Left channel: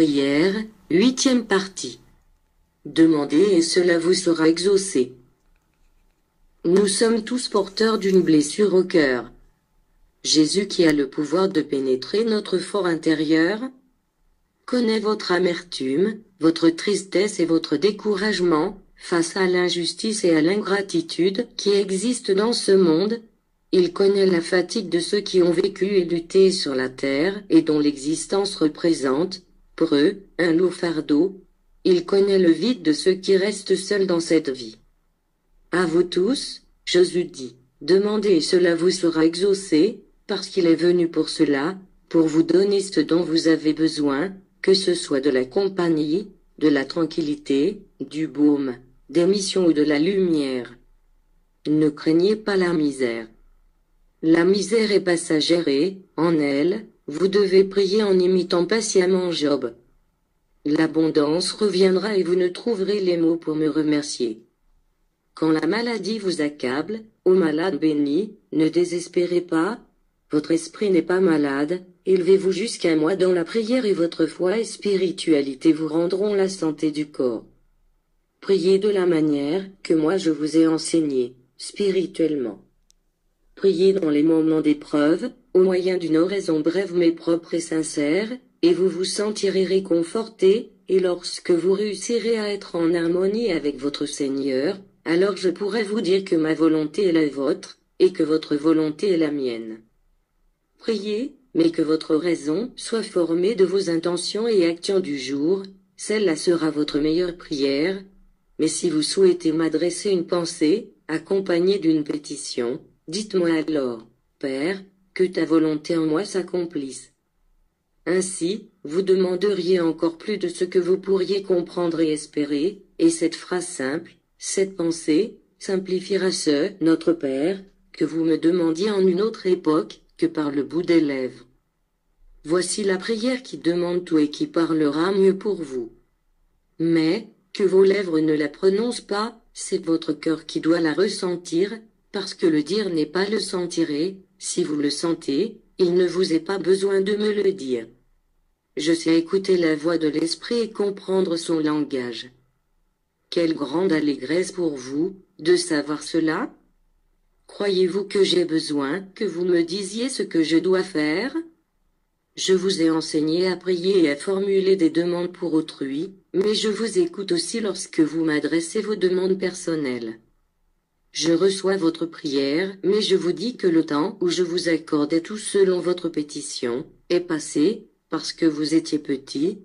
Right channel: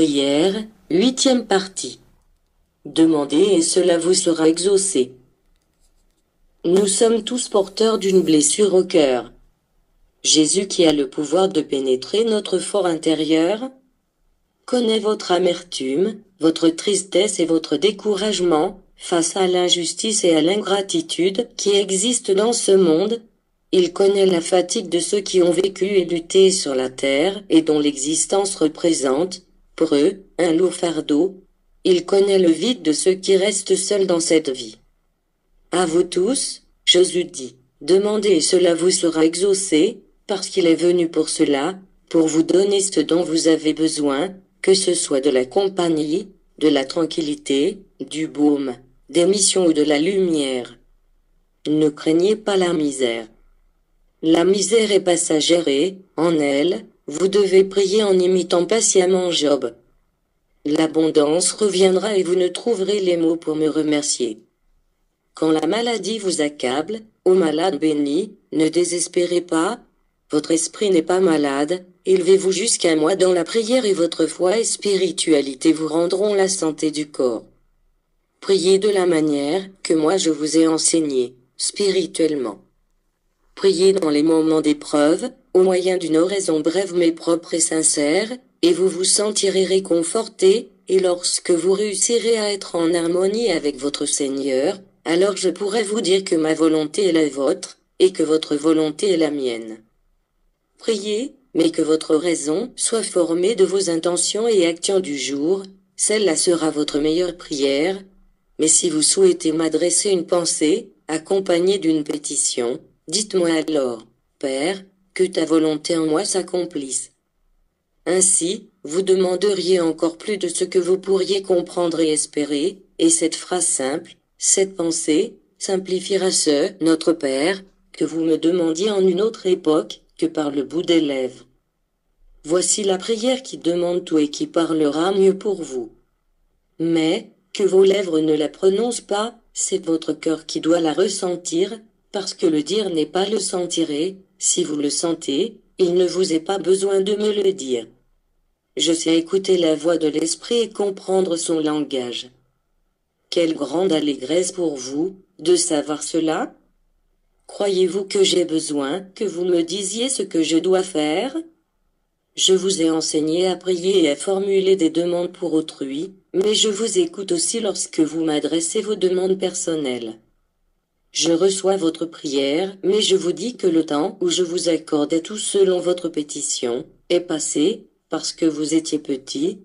prière, 8e partie. Demandez et cela vous sera exaucé. Nous sommes tous porteurs d'une blessure au cœur. Jésus, qui a le pouvoir de pénétrer notre fort intérieur, connaît votre amertume, votre tristesse et votre découragement face à l'injustice et à l'ingratitude qui existent dans ce monde. Il connaît la fatigue de ceux qui ont vécu et lutté sur la terre et dont l'existence représente, pour eux, un lourd fardeau. Il connaît le vide de ceux qui restent seuls dans cette vie. À vous tous, Jésus dit, demandez et cela vous sera exaucé, parce qu'il est venu pour cela, pour vous donner ce dont vous avez besoin, que ce soit de la compagnie, de la tranquillité, du baume, des missions ou de la lumière. Ne craignez pas la misère. La misère est passagère et, en elle, vous devez prier en imitant patiemment Job. L'abondance reviendra et vous ne trouverez les mots pour me remercier. Quand la maladie vous accable, ô malade béni, ne désespérez pas. Votre esprit n'est pas malade, élevez-vous jusqu'à moi dans la prière et votre foi et spiritualité vous rendront la santé du corps. Priez de la manière que moi je vous ai enseignée, spirituellement. Priez dans les moments d'épreuve, au moyen d'une oraison brève mais propre et sincère, et vous vous sentirez réconforté, et lorsque vous réussirez à être en harmonie avec votre Seigneur, alors je pourrai vous dire que ma volonté est la vôtre, et que votre volonté est la mienne. Priez, mais que votre raison soit formée de vos intentions et actions du jour, celle-là sera votre meilleure prière. Mais si vous souhaitez m'adresser une pensée, accompagnée d'une pétition, dites-moi alors, Père, que ta volonté en moi s'accomplisse. Ainsi, vous demanderiez encore plus de ce que vous pourriez comprendre et espérer, et cette phrase simple, cette pensée, simplifiera ce « Notre Père » que vous me demandiez en une autre époque que par le bout des lèvres. Voici la prière qui demande tout et qui parlera mieux pour vous. Mais, que vos lèvres ne la prononcent pas, c'est votre cœur qui doit la ressentir, parce que le dire n'est pas le sentir et, si vous le sentez, il ne vous est pas besoin de me le dire. Je sais écouter la voix de l'esprit et comprendre son langage. Quelle grande allégresse pour vous, de savoir cela? Croyez-vous que j'ai besoin que vous me disiez ce que je dois faire? Je vous ai enseigné à prier et à formuler des demandes pour autrui, mais je vous écoute aussi lorsque vous m'adressez vos demandes personnelles. Je reçois votre prière, mais je vous dis que le temps où je vous accordais tout selon votre pétition est passé, parce que vous étiez petit.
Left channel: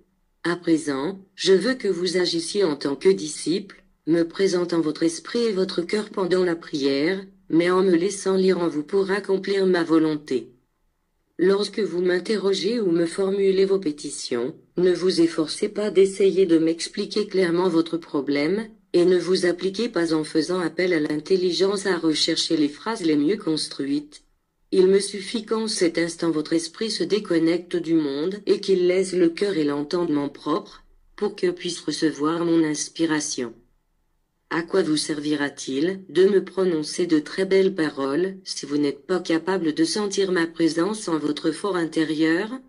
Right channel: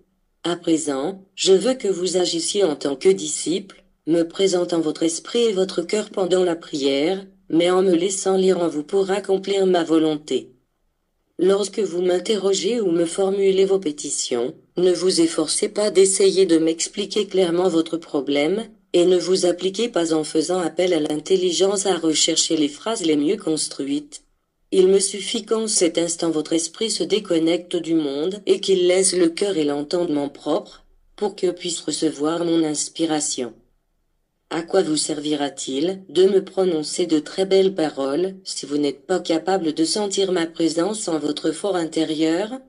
À présent, je veux que vous agissiez en tant que disciple, me présentant votre esprit et votre cœur pendant la prière, mais en me laissant lire en vous pour accomplir ma volonté. Lorsque vous m'interrogez ou me formulez vos pétitions, ne vous efforcez pas d'essayer de m'expliquer clairement votre problème, et ne vous appliquez pas en faisant appel à l'intelligence à rechercher les phrases les mieux construites. Il me suffit qu'en cet instant votre esprit se déconnecte du monde et qu'il laisse le cœur et l'entendement propres, pour que puisse recevoir mon inspiration. À quoi vous servira-t-il de me prononcer de très belles paroles si vous n'êtes pas capable de sentir ma présence en votre fort intérieur?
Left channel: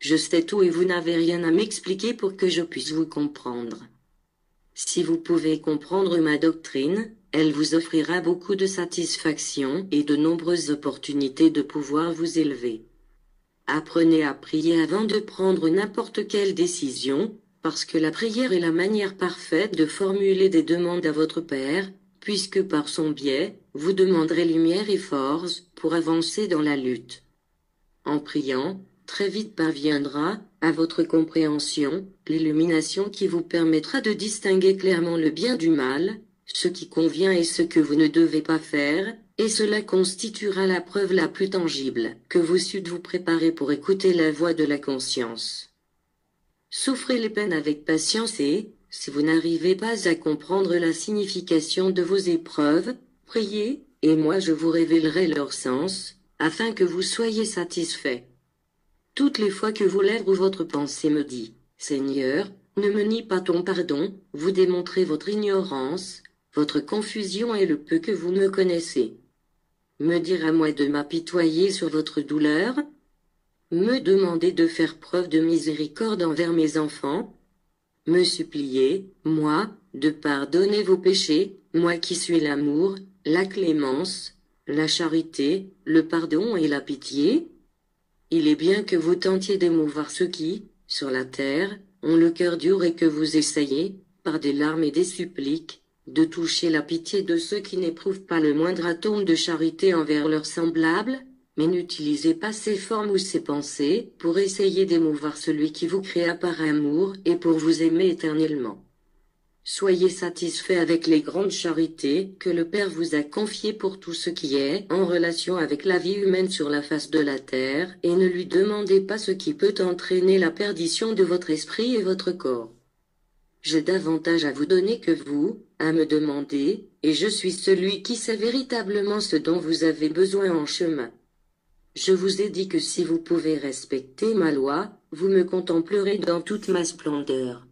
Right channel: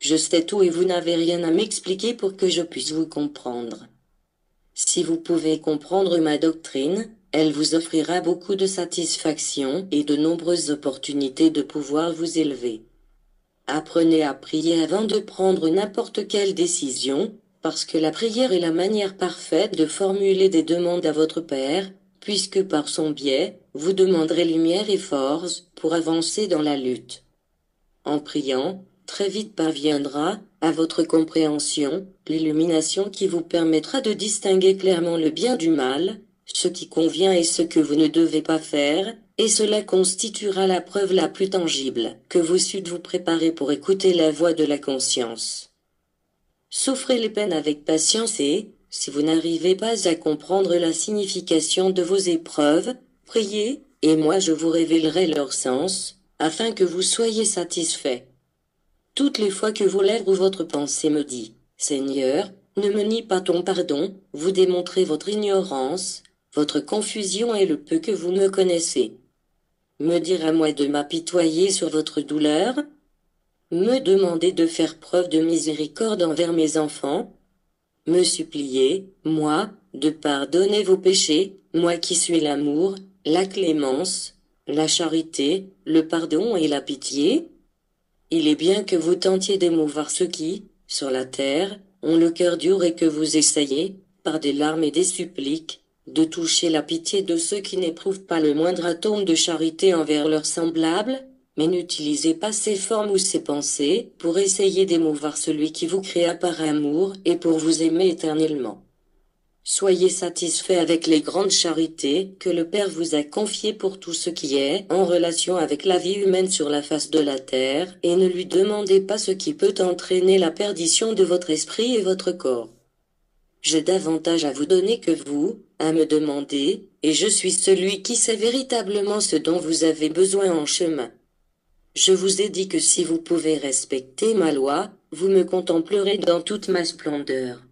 Je sais tout et vous n'avez rien à m'expliquer pour que je puisse vous comprendre. Si vous pouvez comprendre ma doctrine, elle vous offrira beaucoup de satisfaction et de nombreuses opportunités de pouvoir vous élever. Apprenez à prier avant de prendre n'importe quelle décision, parce que la prière est la manière parfaite de formuler des demandes à votre Père, puisque par son biais, vous demanderez lumière et force pour avancer dans la lutte. En priant, très vite parviendra, à votre compréhension, l'illumination qui vous permettra de distinguer clairement le bien du mal, ce qui convient et ce que vous ne devez pas faire, et cela constituera la preuve la plus tangible que vous sûtes vous préparer pour écouter la voix de la conscience. Souffrez les peines avec patience et, si vous n'arrivez pas à comprendre la signification de vos épreuves, priez, et moi je vous révélerai leur sens, afin que vous soyez satisfaits. Toutes les fois que vos lèvres ou votre pensée me dit « Seigneur, ne me nie pas ton pardon », vous démontrez votre ignorance, votre confusion et le peu que vous me connaissez. Me dire à moi de m'apitoyer sur votre douleur? Me demander de faire preuve de miséricorde envers mes enfants? Me supplier, moi, de pardonner vos péchés, moi qui suis l'amour, la clémence, la charité, le pardon et la pitié? Il est bien que vous tentiez d'émouvoir ceux qui, sur la terre, ont le cœur dur et que vous essayez, par des larmes et des suppliques, de toucher la pitié de ceux qui n'éprouvent pas le moindre atome de charité envers leurs semblables, mais n'utilisez pas ces formes ou ces pensées pour essayer d'émouvoir celui qui vous créa par amour et pour vous aimer éternellement. Soyez satisfaits avec les grandes charités que le Père vous a confiées pour tout ce qui est en relation avec la vie humaine sur la face de la terre, et ne lui demandez pas ce qui peut entraîner la perdition de votre esprit et votre corps. J'ai davantage à vous donner que vous, à me demander, et je suis celui qui sait véritablement ce dont vous avez besoin en chemin. Je vous ai dit que si vous pouvez respecter ma loi, vous me contemplerez dans toute ma splendeur.